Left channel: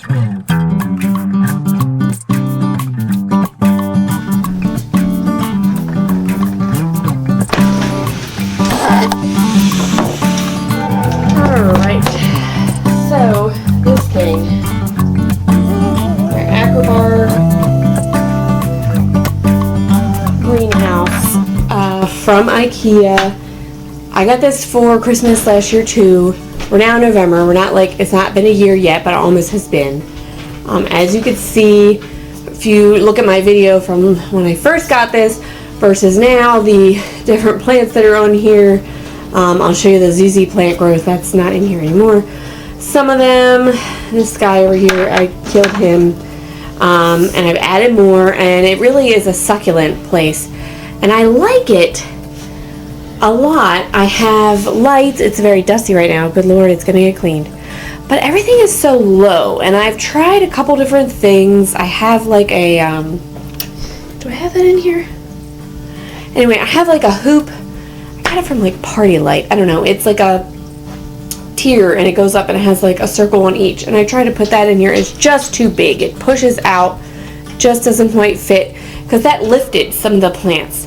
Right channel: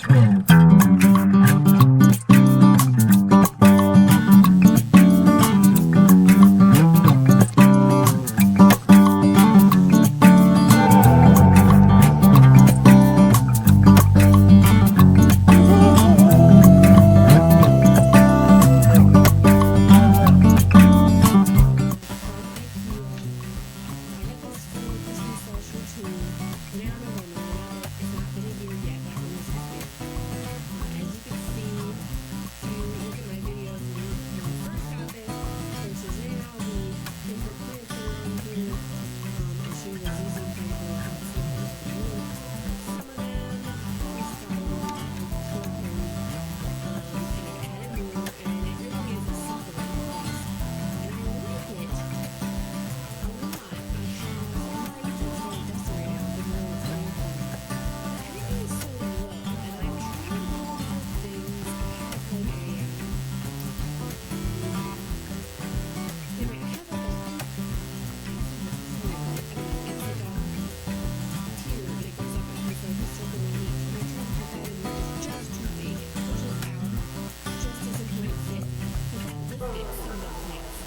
From Ikea. I got this for Christmas last year too. We're now in November. We're not like, it's not been a year yet, but it almost has been. As you can see, if you look at my video from when I first got this versus now, the different plants that are on here. I'll show you the ZZ plant growth that's not in here anymore. Some of them, this guy over here, I killed him, and I've added more, and it really is a succulent place, and I like it a lot. I have lights. It's very dusty right now. Good Lord, it's gonna get cleaned. But everything is so low, and I've tried a couple different things. I have like a, do I have that in here? Anyway, I have like a hoop. I got it from like Party Light. I don't know. It's like a tier, and it goes up and it has like a circle on each. And I try to put that in here. It's just too big. It pushes out. Just doesn't quite fit because that lifted some of the plants.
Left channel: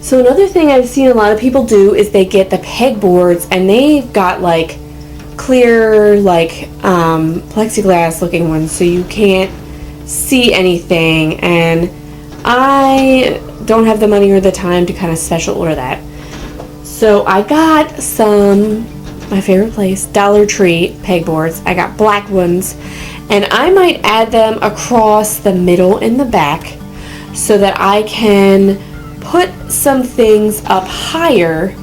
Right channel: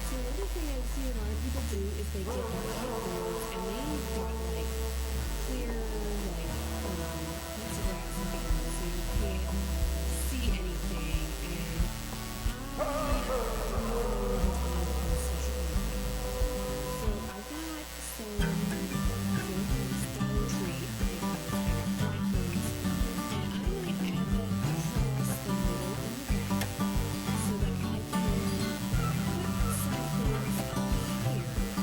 So another thing I've seen a lot of people do is they get the pegboards, and they've got like clear, like plexiglass looking ones, so you can't see anything, and I don't have the money or the time to kind of special order that. So I got some, my favorite place, Dollar Tree pegboards. I got black ones, and I might add them across the middle and the back so that I can put some things up higher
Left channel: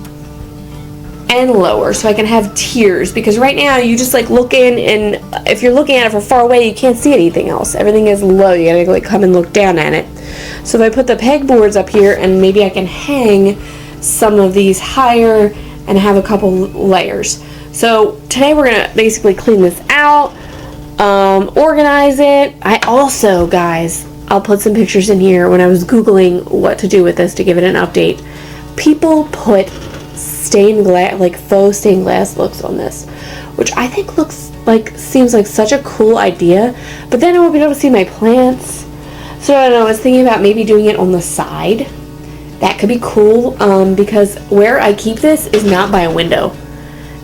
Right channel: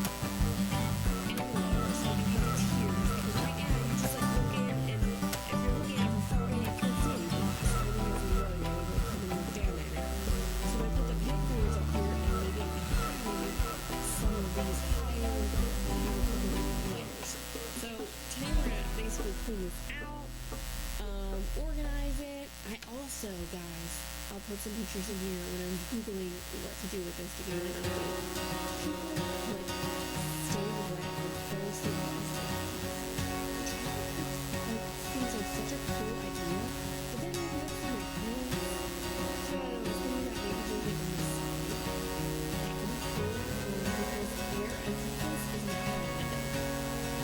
and lower, so I can have tiers, because right now you just like look in, and if you're looking at it from far away, you can't see anything else. Everything is low. You gotta like come and look down at it. So if I put the pegboards up here, and maybe I can hang some of these higher and have a couple layers. So today we're gonna basically clean this out, organize it. I also, guys, I'll put some pictures in here. When I was Googling what to do with this to give it an update, people put stained glass, like faux stained glass looks on this, which I think looks like, seems like such a cool idea, but then I won't be able to see my plants. So I don't know, I was thinking about maybe doing it on the side. That could be cool, because where I keep this is not by a window.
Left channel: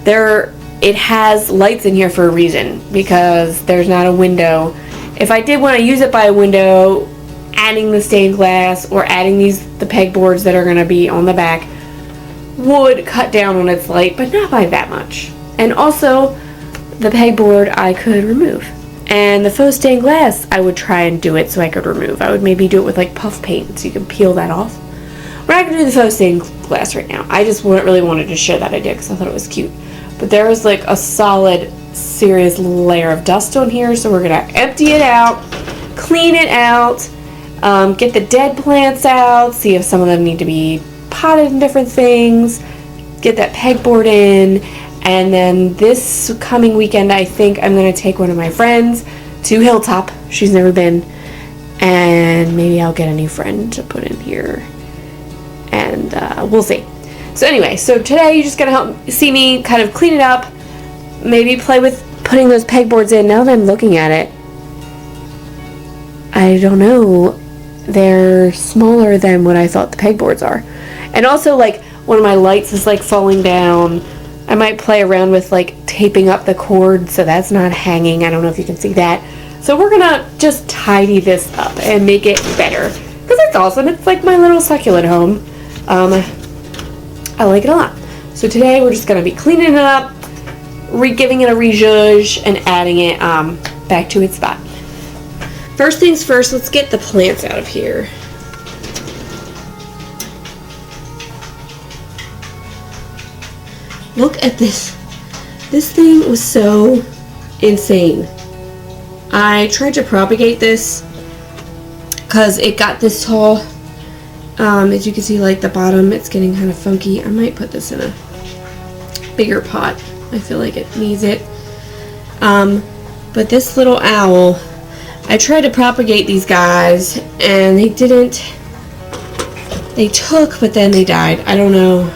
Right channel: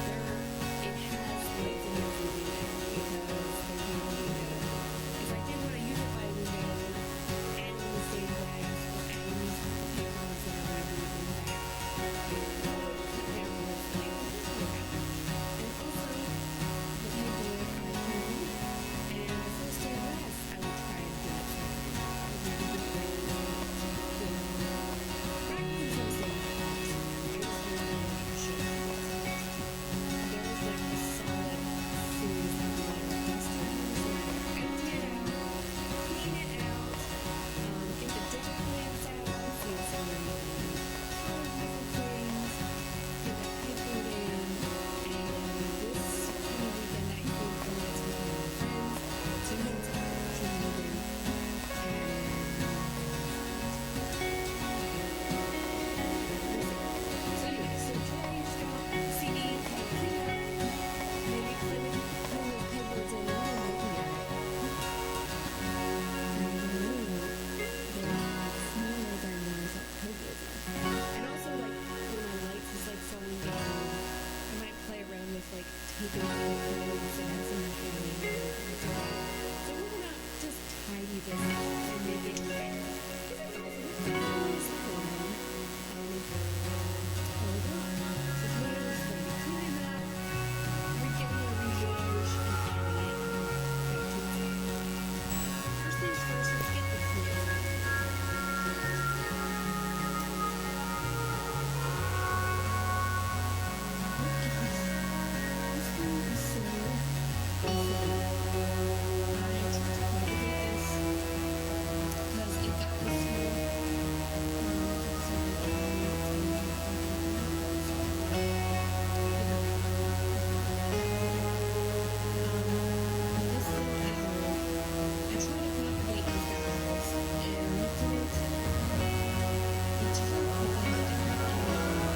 It has lights in here for a reason, because there's not a window. If I did want to use it by a window, adding the stained glass or adding the pegboards that are going to be on the back would cut down on its light, but not by that much. And also, the pegboard I could remove. And the faux stained glass, I would try and do it so I could remove. I would maybe do it with like puff paint so you can peel that off. We're not going to do the faux stained glass right now. I just really wanted to share that idea because I thought it was cute. But there was like a solid, serious layer of dust on here, so we're gonna empty it out, clean it out, get the dead plants out, see if some of them need to be potted in different things, get that pegboard in, and then this coming weekend I think I'm gonna take one of my friends to Hilltop. She's never been, and maybe I'll get a new friend to put in here, and we'll see. So anyway, so today you're just gonna help see me kind of clean it up, maybe play with putting those pegboards in. Now that I'm looking at it, I don't know, they're smaller than what I thought the pegboards are. And also, like, one of my lights is like falling down. I might play around with like taping up the cord so that's not hanging. I don't know if you can see that. So we're gonna just tidy this up and make it better, because it's awesome. It's like my little succulent home. I like it a lot. So today we're just gonna be cleaning it up, giving it a rezhuzh, and adding it back to its spot. First things first, let's get the plants out of here. Look at this. This thing was so insane. I tried to propagate this because it got this tall. As you can see, like the bottom, it's getting kind of funky. I might put this in a bigger pot. I feel like it needs it. But this little owl, I tried to propagate these guys and they didn't. They took, but then they died. I don't know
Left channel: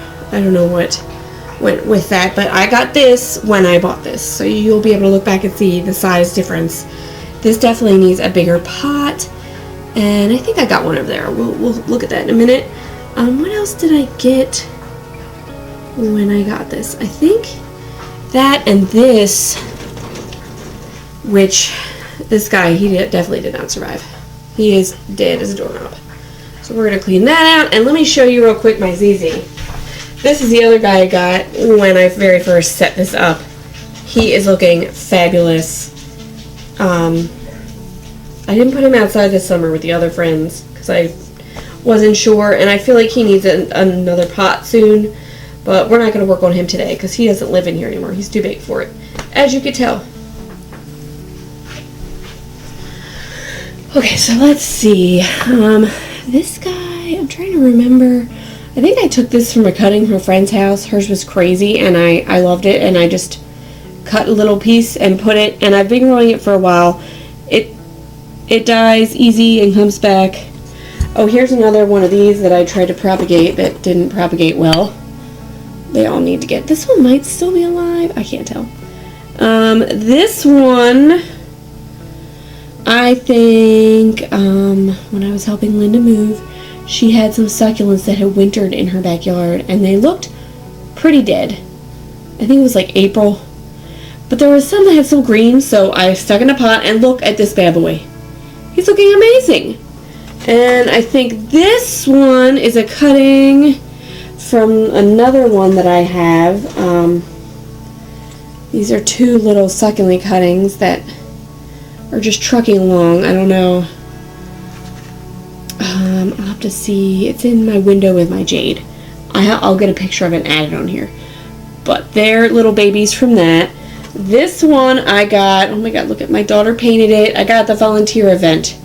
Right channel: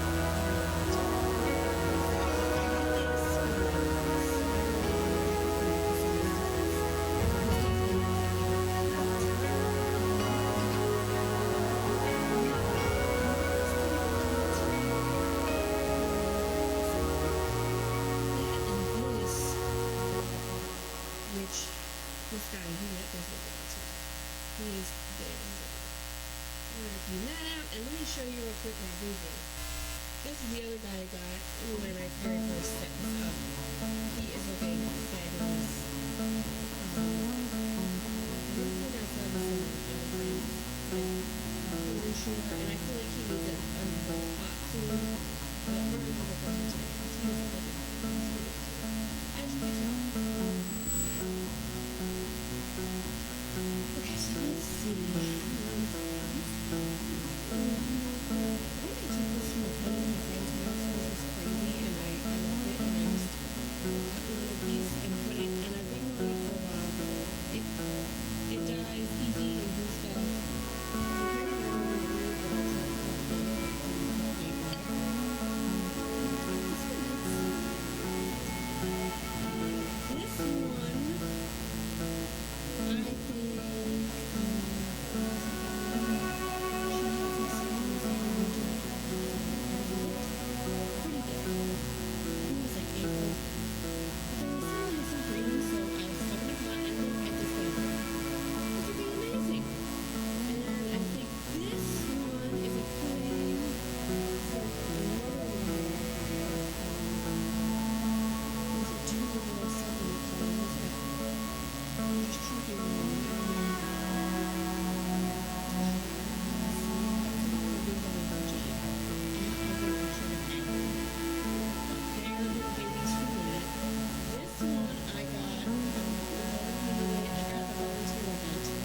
went with that, but I got this when I bought this, so you'll be able to look back and see the size difference. This definitely needs a bigger pot, and I think I got one over there. We'll look at that in a minute. What else did I get when I got this? I think that and this, which this guy, he definitely did not survive. He is dead as a doorknob. So we're going to clean that out, and let me show you real quick my ZZ. This is the other guy I got when I very first set this up. He is looking fabulous. I didn't put him outside this summer with the other friends because I wasn't sure, and I feel like he needs another pot soon, but we're not going to work on him today because he doesn't live in here anymore. He's too big for it, as you can tell. Okay, so let's see. This guy, I'm trying to remember. I think I took this from a cutting from a friend's house. Hers was crazy, and I loved it, and I just cut a little piece and put it, and I've been growing it for a while. It dies easy and comes back. Oh, here's another one of these that I tried to propagate that didn't propagate well. They all need to get. This one might still be alive. I can't tell. This one, I think, when I was helping Linda move, she had some succulents that had wintered in her backyard, and they looked pretty dead. I think it was like April. But there was some that had some green, so I stuck in a pot, and look at this bad boy. He's looking amazing. And I think this one is a cutting from another one that I have. These are two little succulent cuttings that are just trucking along. I don't know. I'll have to see. It's in my window with my jade. I'll get a picture of it and add it on here. But they're little babies from that. This one I got, oh my god, look at my daughter painted it. I got at the volunteer event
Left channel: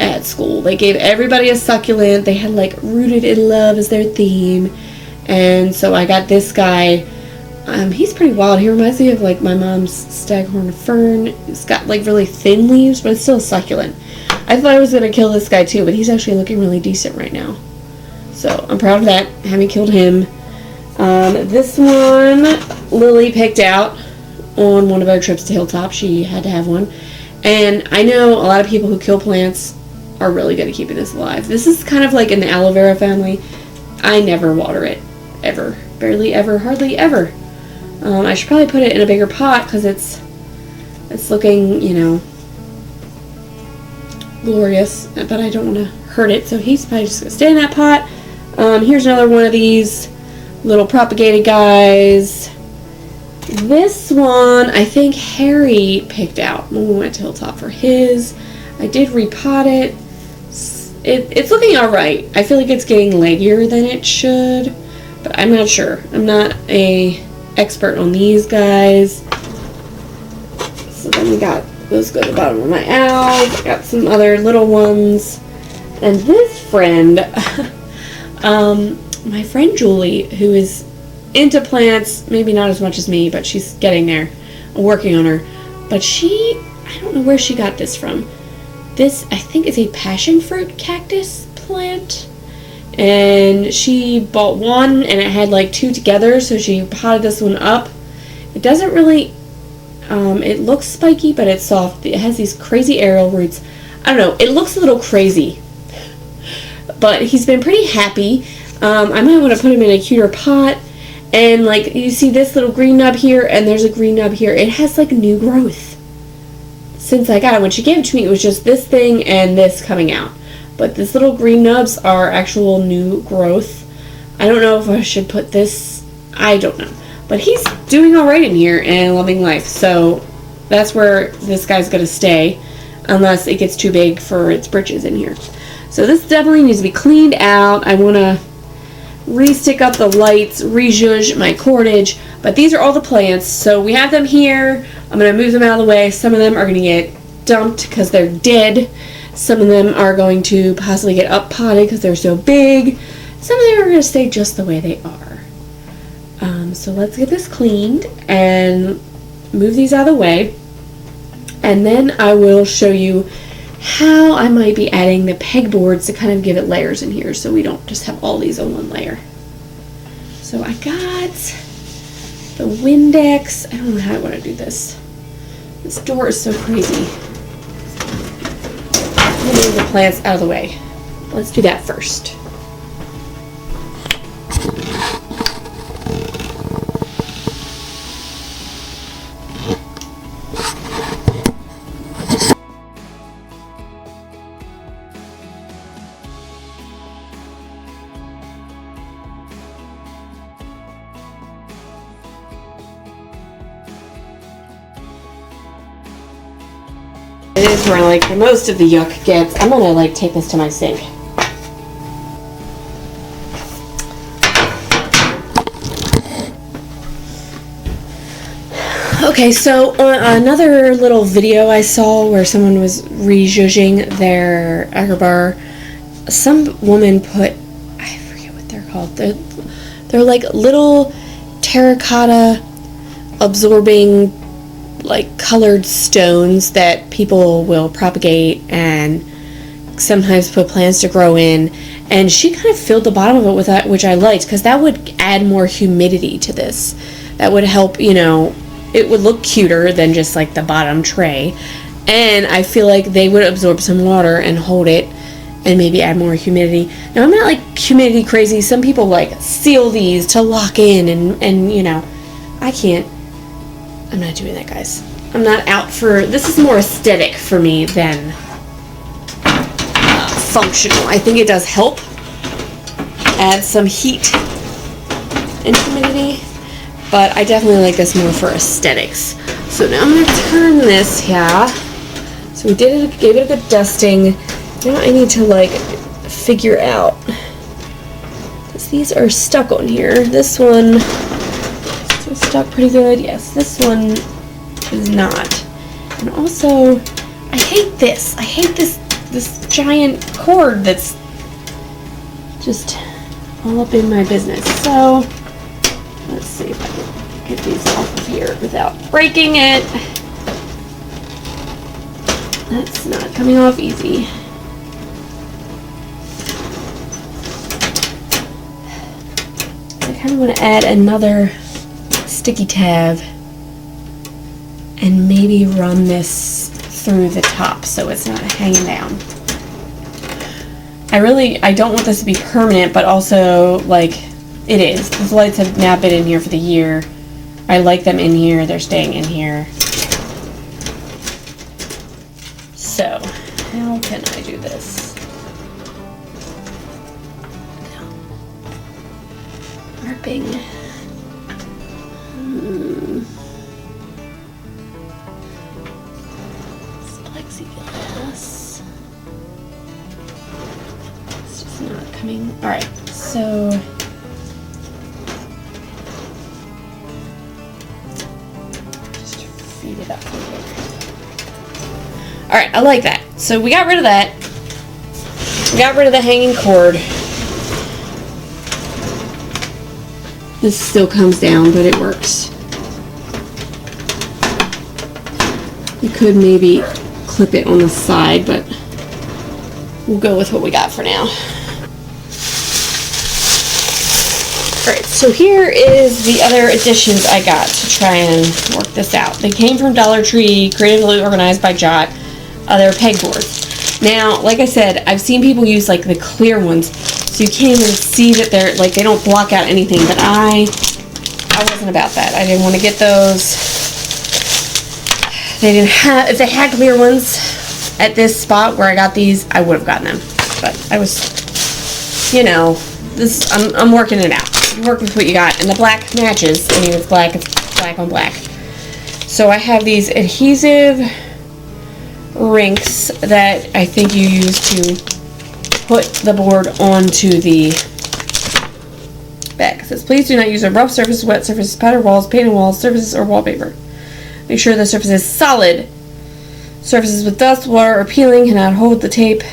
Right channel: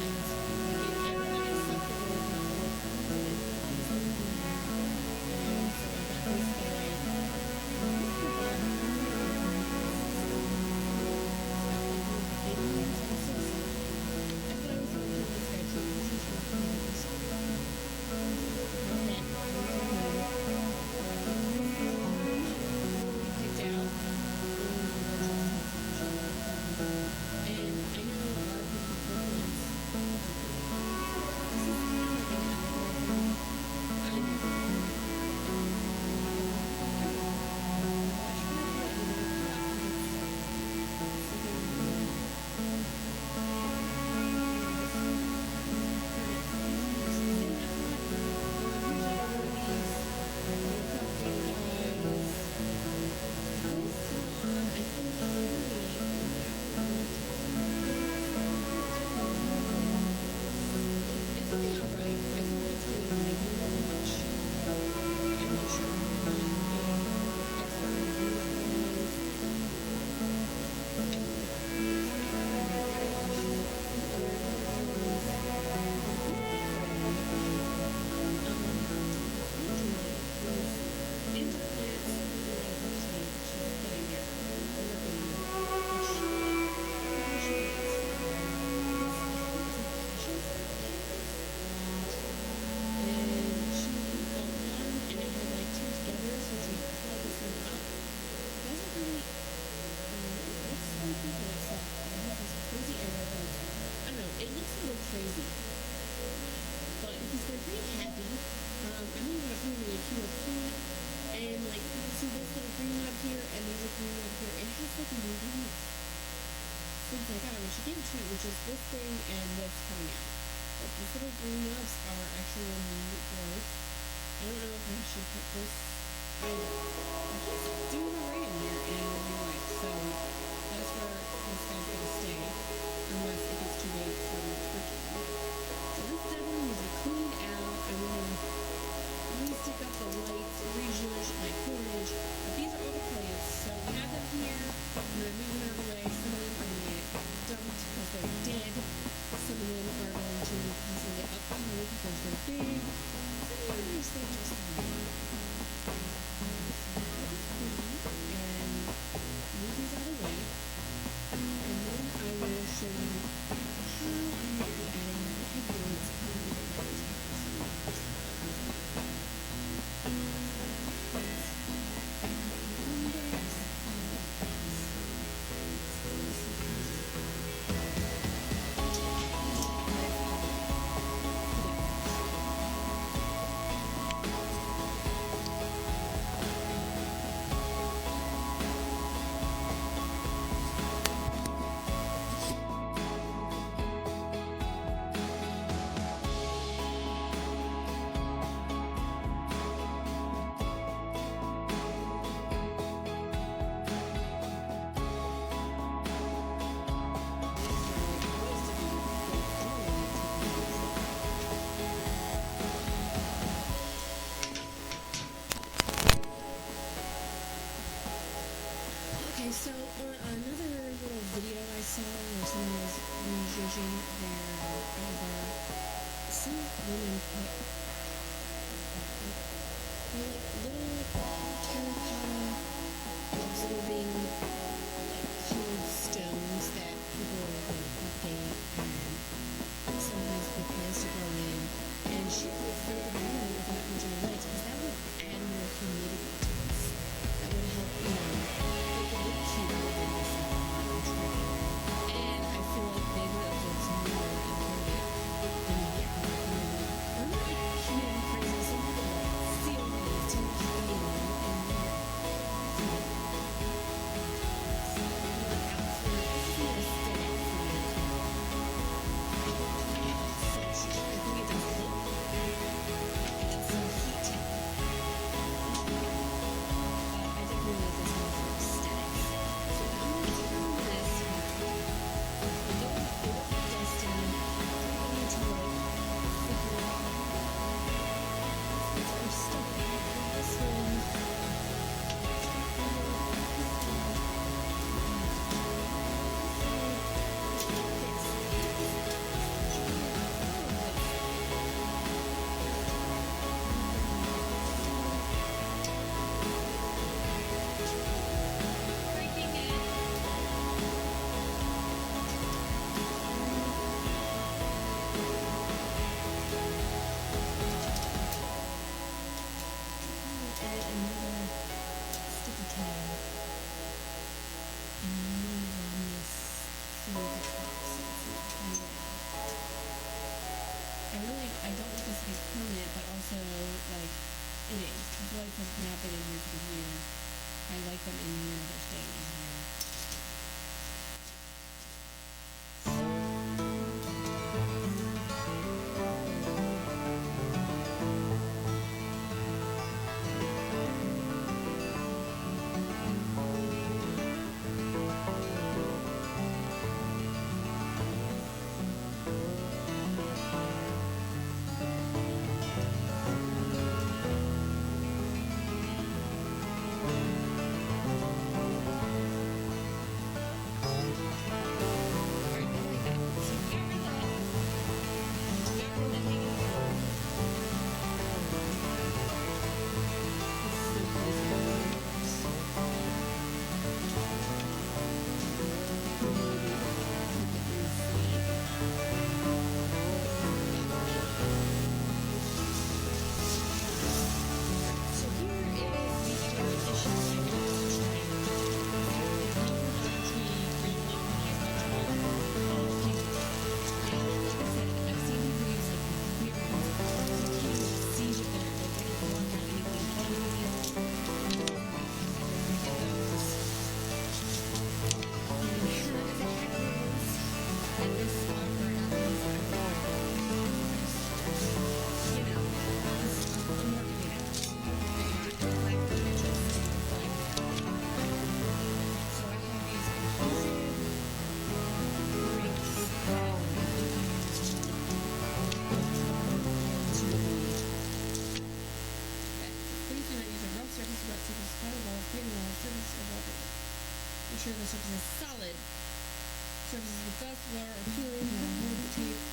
at school. They gave everybody a succulent. They had like Rooted in Love as their theme. And so I got this guy. He's pretty wild. He reminds me of like my mom's staghorn fern. It's got like really thin leaves, but it's still a succulent. I thought I was going to kill this guy too, but he's actually looking really decent right now. So I'm proud of that, having killed him. This one, Lily picked out on one of our trips to Hilltop. She had to have one. And I know a lot of people who kill plants are really good at keeping this alive. This is kind of like in the aloe vera family. I never water it. Ever. Barely ever. Hardly ever. I should probably put it in a bigger pot because it's looking, you know, glorious. But I don't want to hurt it. So he's probably just going to stay in that pot. Here's another one of these little propagated guys. This one, I think Harry picked out when we went to Hilltop for his. I did repot it. It's looking alright. I feel like it's getting leggier than it should, but I'm not sure. I'm not a expert on these guys. So then we got, those go to the bottom of my owls. I got some other little ones. And this friend, my friend Julie, who is into plants, maybe not as much as me, but she's getting there. I'm working on her. But I don't know where she got this from. This, I think, is a passion fruit cactus plant. And she bought one, and it had like two together, so she potted this one up. It doesn't really, it looks spiky, but it's soft. It has these crazy aerial roots. I don't know, it looks a little crazy. But he's been pretty happy. I might want to put him in a cuter pot. And like you see this little green nub here, and there's a green nub here. It has like new growth. Since I got it, when she gave it to me, it was just this thing and this coming out. But these little green nubs are actual new growth. I don't know if I should put this, I don't know. But he's doing alright in here and loving life. So that's where this guy's going to stay. Unless it gets too big for its britches in here. So this definitely needs to be cleaned out. I want to re-stick up the lights, re-zhuzh my cordage, but these are all the plants, so we have them here. I'm going to move them out of the way. Some of them are going to get dumped because they're dead. Some of them are going to possibly get up potted because they're so big. Some of them are going to stay just the way they are. So let's get this cleaned and move these out of the way, and then I will show you how I might be adding the pegboards to kind of give it layers in here so we don't just have all these on one layer. So I got the Windex. I don't know how I want to do this. This door is so crazy. I'm going to move the plants out of the way. Let's do that first. It is where like the most of the yuck gets. I'm gonna like take this to my sink. Okay, so on another little video I saw where someone was rejudging their Akarbar, some woman put, I forget what they're called. They're like little terracotta absorbing like colored stones that people will propagate and sometimes put plants to grow in, and she kind of filled the bottom of it with that, which I liked because that would add more humidity to this. That would help, you know, it would look cuter than just like the bottom tray, and I feel like they would absorb some water and hold it and maybe add more humidity. Now I'm not like humidity crazy. Some people like seal these to lock in and you know, I can't. I'm not doing that, guys. I'm not out for, this is more aesthetic for me than functional. I think it does help add some heat and humidity, but I definitely like this more for aesthetics. So now I'm going to turn this here. So we gave it a good dusting. Now I need to like figure out, because these are stuck on here. This one is stuck pretty good. Yes, this one is not. And also, I hate this. I hate this giant cord that's just all up in my business. So let's see if I can get these off of here without breaking it. That's not coming off easy. I kind of want to add another sticky tab and maybe run this through the top so it's not hanging down. I don't want this to be permanent, but also like it is. These lights have now been in here for the year. I like them in here. They're staying in here. So how can I do this? Wrapping. Alright, so just feed it up a little bit. Alright, I like that. So we got rid of that. We got rid of the hanging cord. This still comes down, but it works. You could maybe clip it on the side, but we'll go with what we got for now. Alright, so here is the other additions I got to try and work this out. They came from Dollar Tree, creatively organized by Jot. They're pegboards. Now, like I said, I've seen people use like the clear ones, so you can't even see that they're like, they don't block out anything, but I wasn't about that. I didn't want to get those. They didn't have, if they had clear ones at this spot where I got these, I would have gotten them. But I was, you know, this, I'm working it out. Work with what you got, and the black matches. I mean, it's black on black. So I have these adhesive rinks that I think you use to put the board onto the back. It says, please do not use a rough surface, wet surface, powder walls, painted walls, surfaces, or wallpaper. Make sure the surface is solid. Surfaces with dust, water, or peeling cannot hold the tape.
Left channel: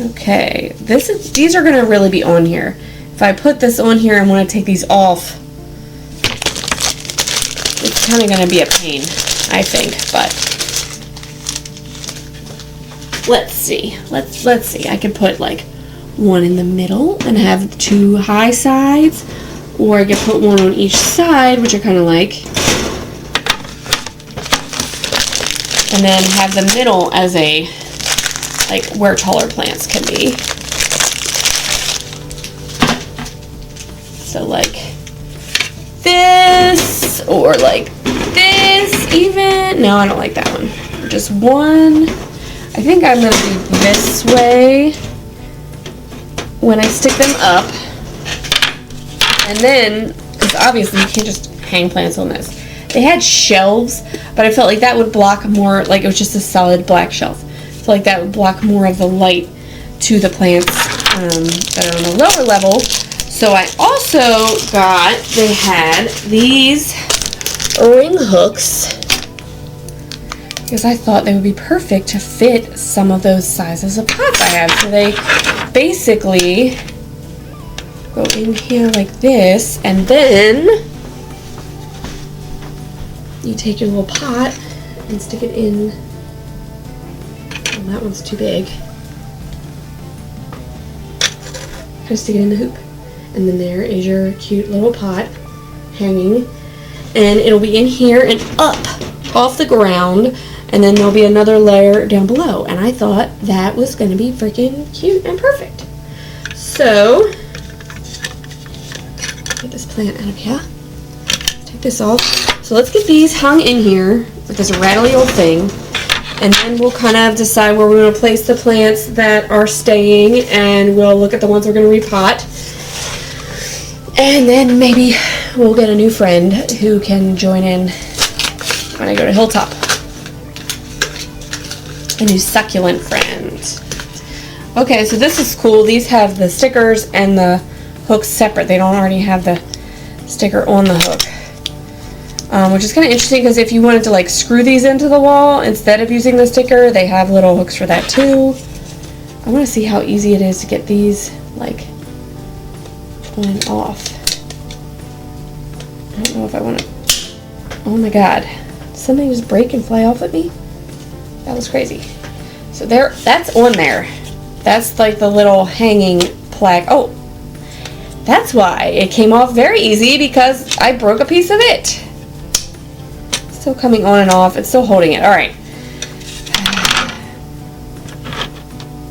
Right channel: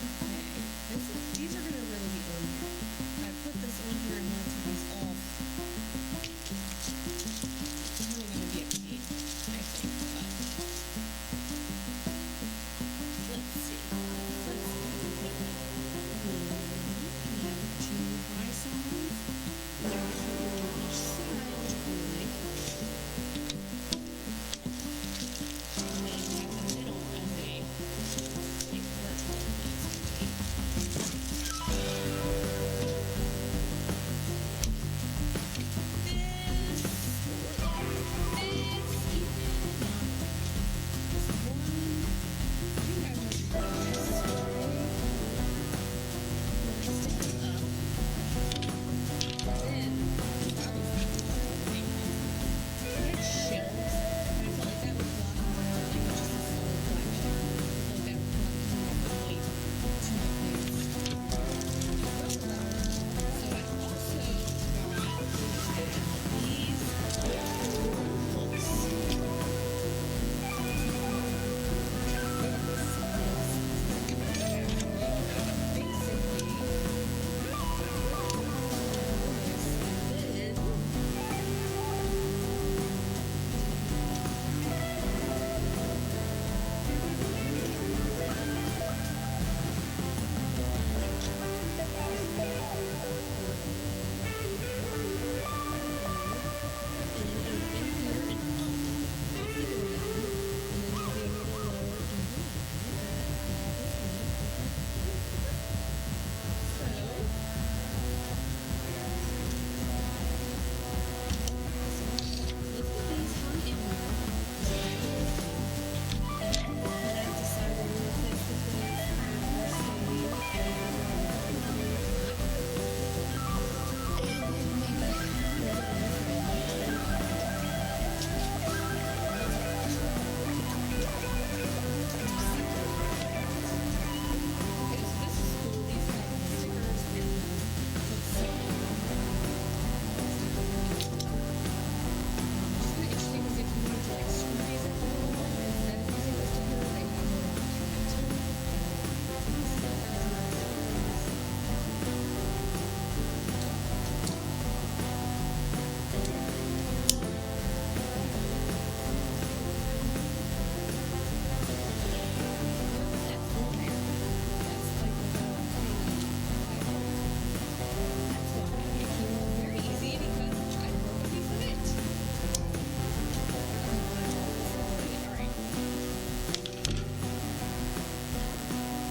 Okay, these are going to really be on here. If I put this on here and want to take these off, it's kind of going to be a pain, I think, but let's see. Let's see. I could put like one in the middle and have two high sides, or I could put one on each side, which I kind of like. And then have the middle as a, like, where taller plants can be. So like this, or like this even. No, I don't like that one. Just one. I think I'm gonna do this way when I stick them up. And then, because obviously you can't just hang plants on this. They had shelves, but I felt like that would block more, like it was just a solid black shelf. So like that would block more of the light to the plants that are on the lower level. So I also got, they had these ring hooks, because I thought they would be perfect to fit some of those sizes of pots I have. So they basically go in here like this, and then you take your little pot and stick it in. Oh, that one's too big. Just stick it in the hoop. And then there is your cute little pot hanging. And it'll be in here and up off the ground. And then there'll be another layer down below. And I thought that was going to be freaking cute and perfect. So, get this plant out of here. Take this off. So let's get these hung in here with this rattly old thing. And then we'll kind of decide where we're going to place the plants that are staying. And we'll look at the ones we're going to repot. And then maybe we'll get a new friend who can join in when I go to Hilltop. A new succulent friend. Okay, so this is cool. These have the stickers and the hooks separate. They don't already have the sticker on the hook. Which is kind of interesting, because if you wanted to like screw these into the wall instead of using the sticker, they have little hooks for that too. I want to see how easy it is to get these like on and off. I don't know if I want to. Oh my god. Did something just break and fly off at me? That was crazy. So there, that's on there. That's like the little hanging plaque. Oh, that's why it came off very easy, because I broke a piece of it. It's still coming on and off. It's still holding it. All right.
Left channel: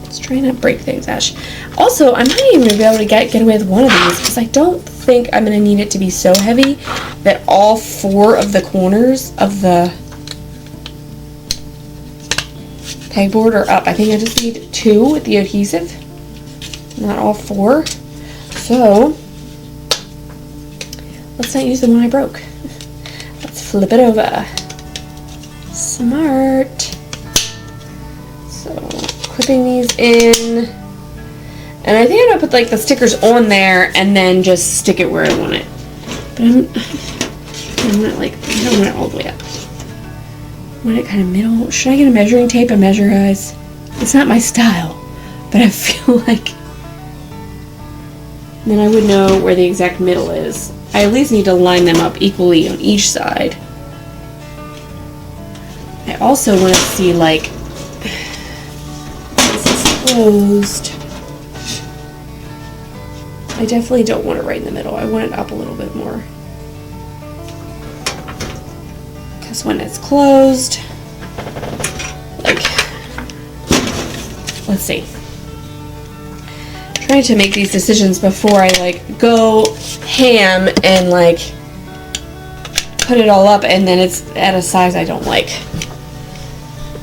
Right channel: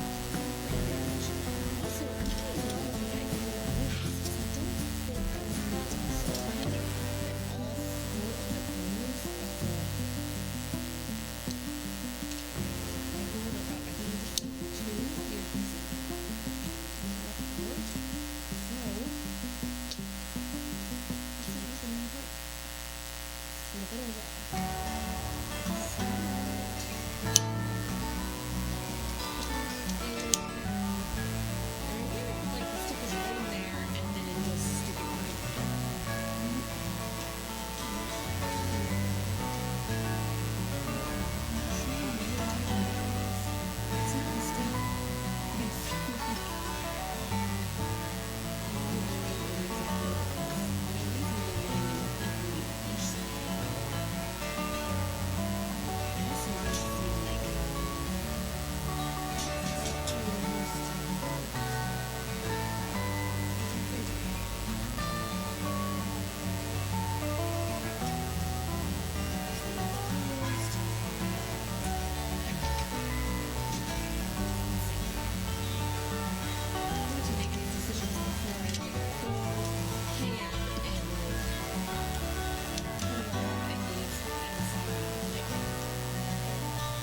Let's try not to break things, Ash. Also, I might even be able to get away with one of these, because I don't think I'm going to need it to be so heavy that all 4 of the corners of the pegboard are up. I think I just need 2 with the adhesive, not all 4. So, let's not use the one I broke. Let's flip it over. Smart. So, clipping these in. And I think I'm gonna put like the stickers on there and then just stick it where I want it. But I don't want it all the way up. I want it kind of middle. Should I get a measuring tape and measure, guys? It's not my style, but I feel like then I would know where the exact middle is. I at least need to line them up equally on each side. I also want to see like this is closed. I definitely don't want it right in the middle. I want it up a little bit more. Because when it's closed, like, let's see. I'm trying to make these decisions before I like go ham and like put it all up and then it's at a size I don't like.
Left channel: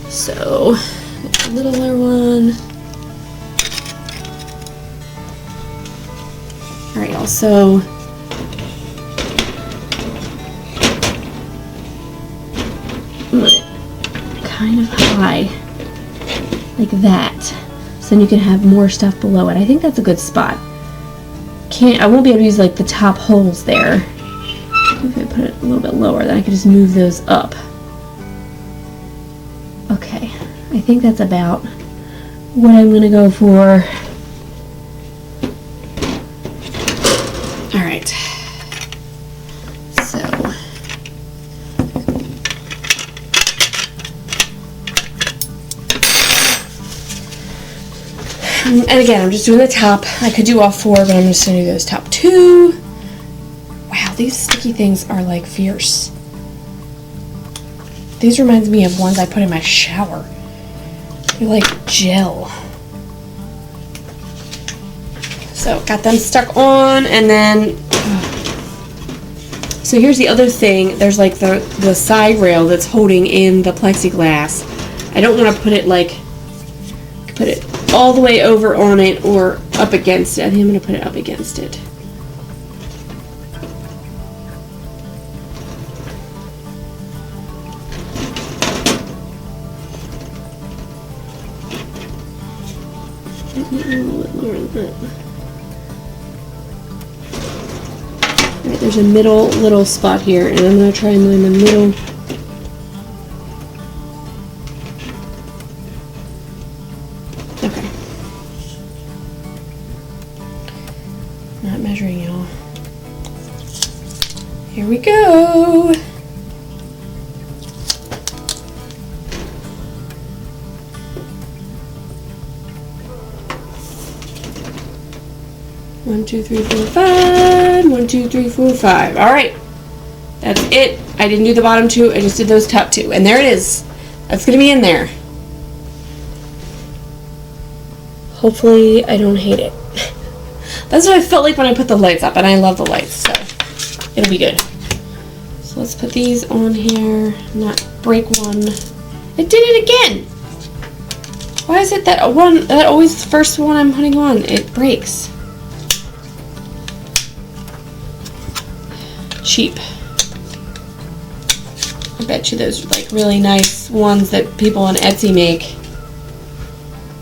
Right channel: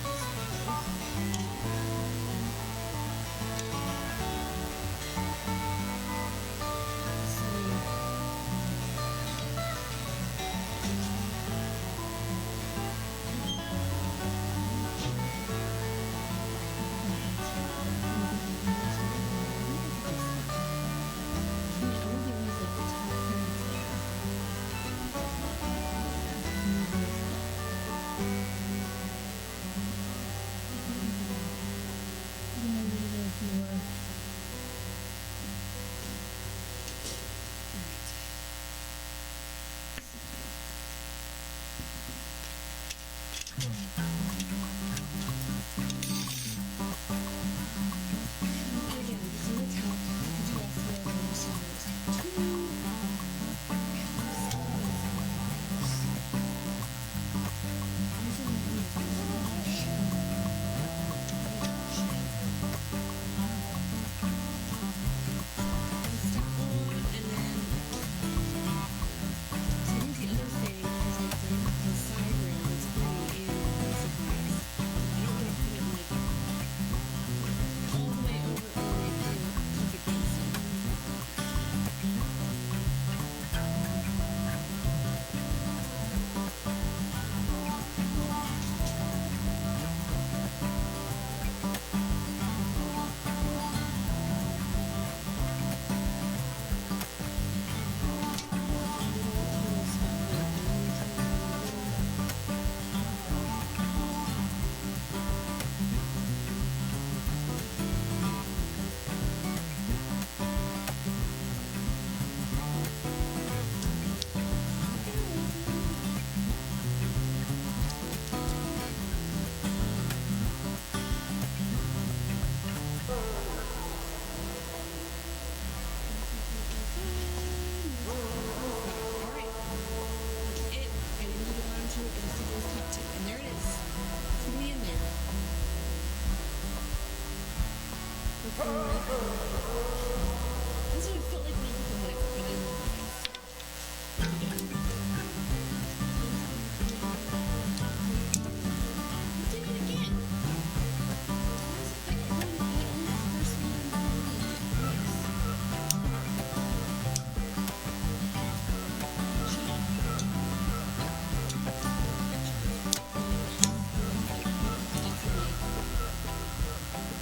So, a littler one. Alright, also kind of high, like that, so then you can have more stuff below it. I think that's a good spot. I won't be able to use like the top holes there. I'm gonna put it a little bit lower, then I can just move those up. Okay, I think that's about what I'm gonna go for. Alright, so and again, I'm just doing the top. I could do all 4, but I'm just gonna do those top 2. these sticky things are like fierce. These reminds me of ones I put in my shower. They're like gel. So got them stuck on, and then so here's the other thing. There's like the side rail that's holding in the plexiglass. I don't want to put it all the way over on it or up against it. I think I'm going to put it up against it. Alright, there's a little spot here, and I'm going to try and line the middle. Okay. Not measuring, y'all. Here we go. One, two, three, four, five. 1, 2, 3, 4, 5. All right, that's it. I didn't do the bottom two. I just did those top two, and there it is. That's gonna be in there. Hopefully, I don't hate it. That's what I felt like when I put the lights up, and I love the lights, so it'll be good. So let's put these on here. Not break one. It did it again. Why is it that always the first one I'm putting on, it breaks? Cheap. I bet you those like really nice ones that people on Etsy make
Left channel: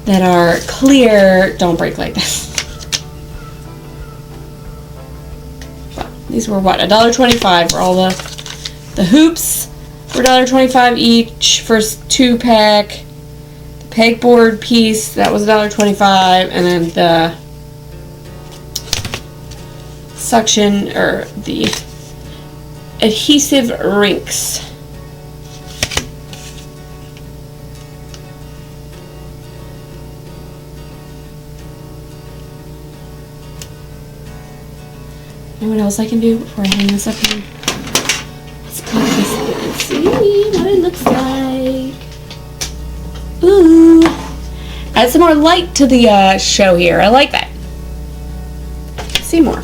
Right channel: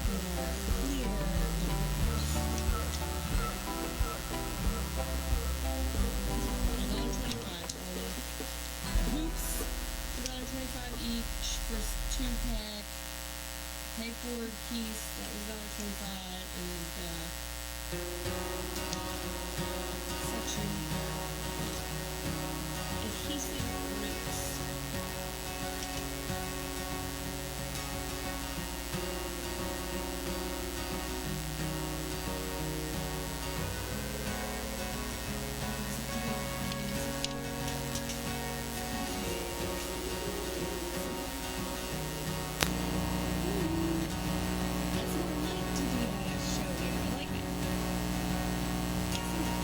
that are clear don't break like this. These were what, $1.25 for all the hoops were $1.25 each. First 2-pack. The pegboard piece, that was $1.25, and then the suction or the adhesive rinks. You know what else I can do before I hang this up here? Let's put this in and see what it looks like. Ooh. Add some more light to the show here. I like that. Let's see more.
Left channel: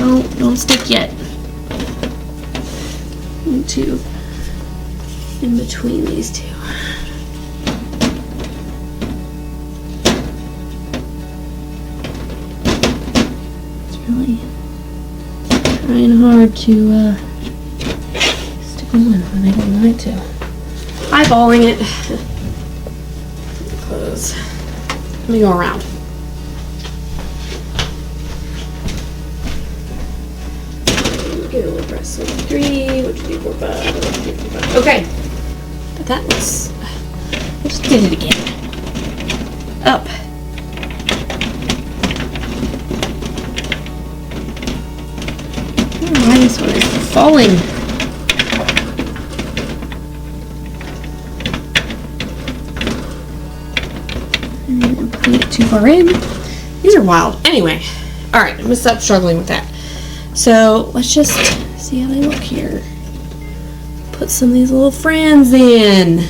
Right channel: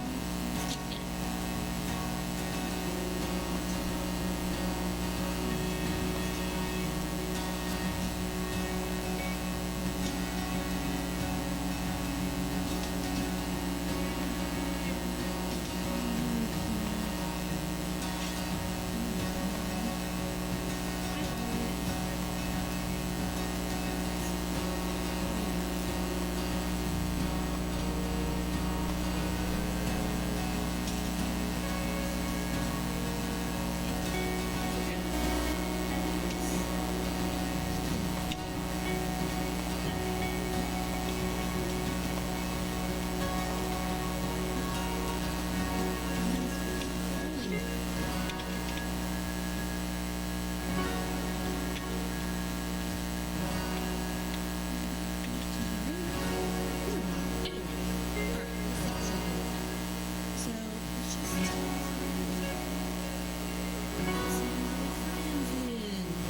No, don't stick yet. 1, 2. In between these two. Trying hard to stick them in when I don't want to. Eyeballing it. Close. Let me go around. Get over press 3, 1, 2, 3, 4, 5, 1, 2, 3, 4, 5. Okay. But that was. I just did it again. Up. Why this one is falling? And putting it too far in. These are wild. Anyway, all right, I'm gonna stop struggling with that. So let's just see how they look here. Put some of these little friends in.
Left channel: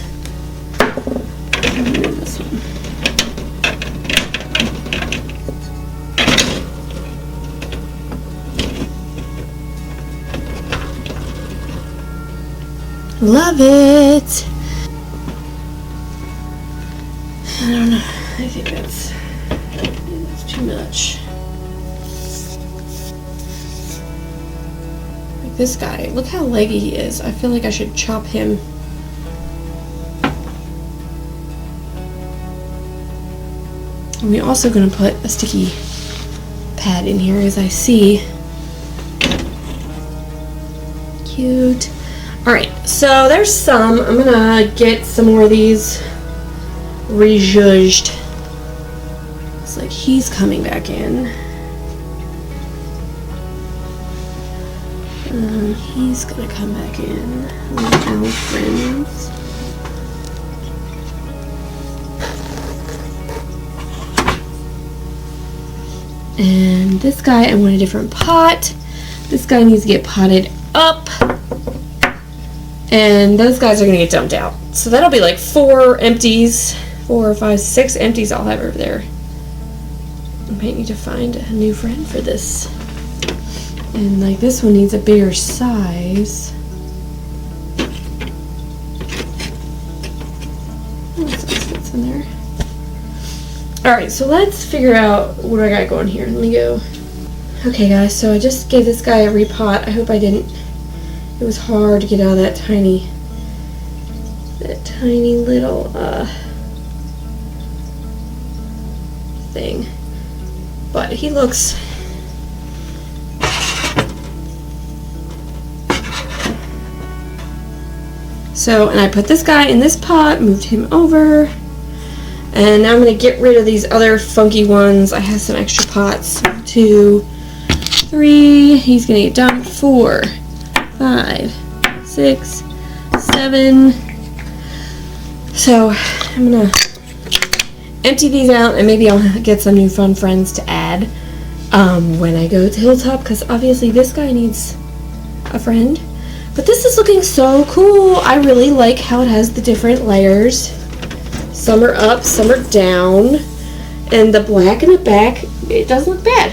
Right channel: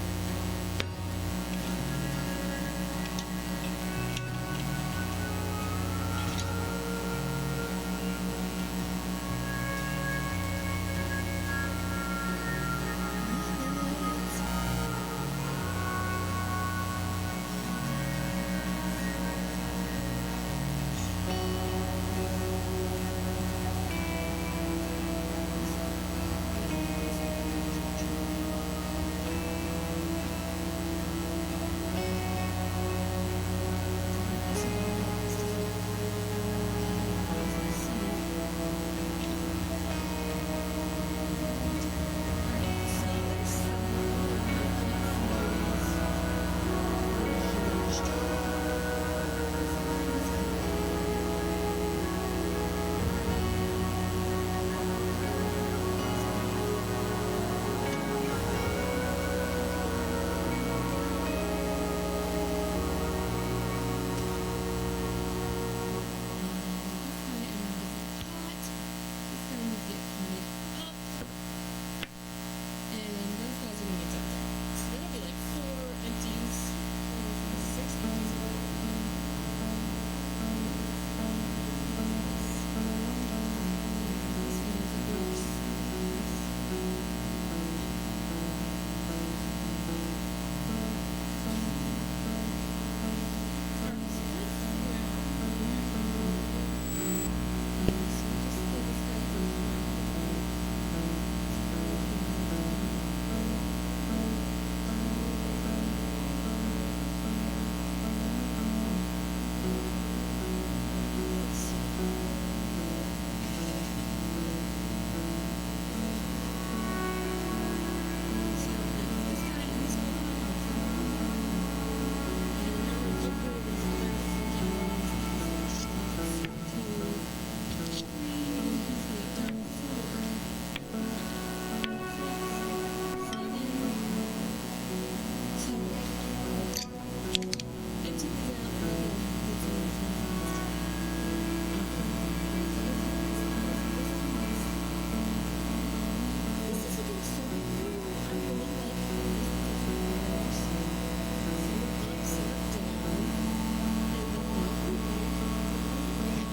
This one. Love it. I don't know. I think it's too much. This guy, look how leggy he is. I feel like I should chop him. And we're also going to put a sticky pad in here, as I see. Cute. Alright, so there's some. I'm gonna get some more of these rejudged. It's like he's coming back in. And he's gonna come back in. Our friends. And this guy, I want a different pot. This guy needs to get potted up. And those guys are gonna get dumped out. So that'll be like 4 empties. 4, 5, 6 empties I'll have over there. I might need to find a new friend for this. And like this one needs a bigger size. Fits in there. Alright, so let's figure out what I got going here. Let me go. Okay guys, so I just gave this guy a repot. I hope I didn't. It was hard to get out of that tiny little thing. But he looks so, and I put this guy in this pot, moved him over, and now I'm going to get rid of these other funky ones. I have some extra pots. 2, 3, he's going to get dumped. 4, 5, 6, 7. So I'm going to empty these out, and maybe I'll get some new fun friends to add when I go to Hilltop, because obviously this guy needs a friend. But this is looking so cool. I really like how it has the different layers. Some are up, some are down. And the black in the back, it doesn't look bad.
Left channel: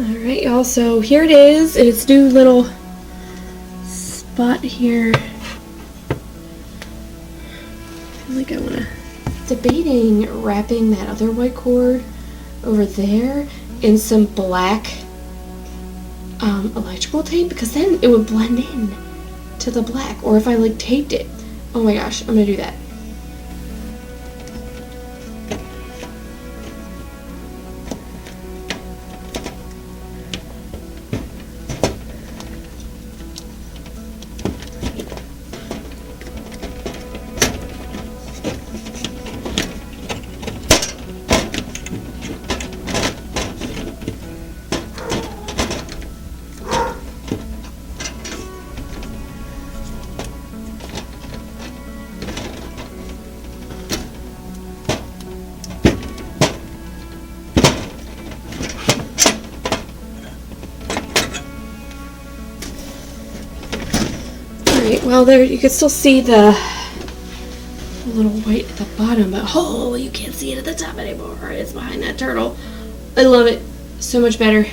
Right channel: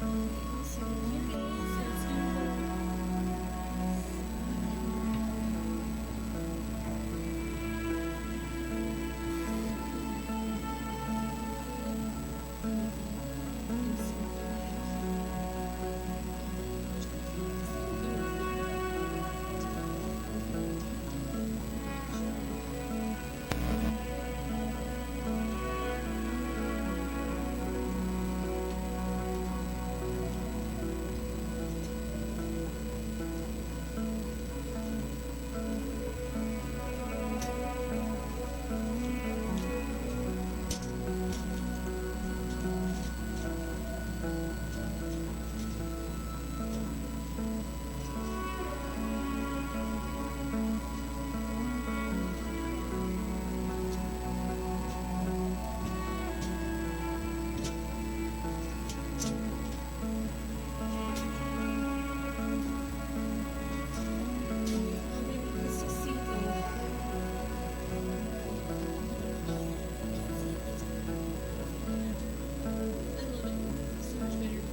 Alright y'all, so here it is. Its new little spot here. I feel like I want to... Debating wrapping that other white cord over there in some black electrical tape, because then it would blend in to the black. Or if I like taped it. Oh my gosh, I'm gonna do that. Well, there you can still see the little white at the bottom, but oh, you can't see it at the top anymore. It's behind that turtle. I love it so much better.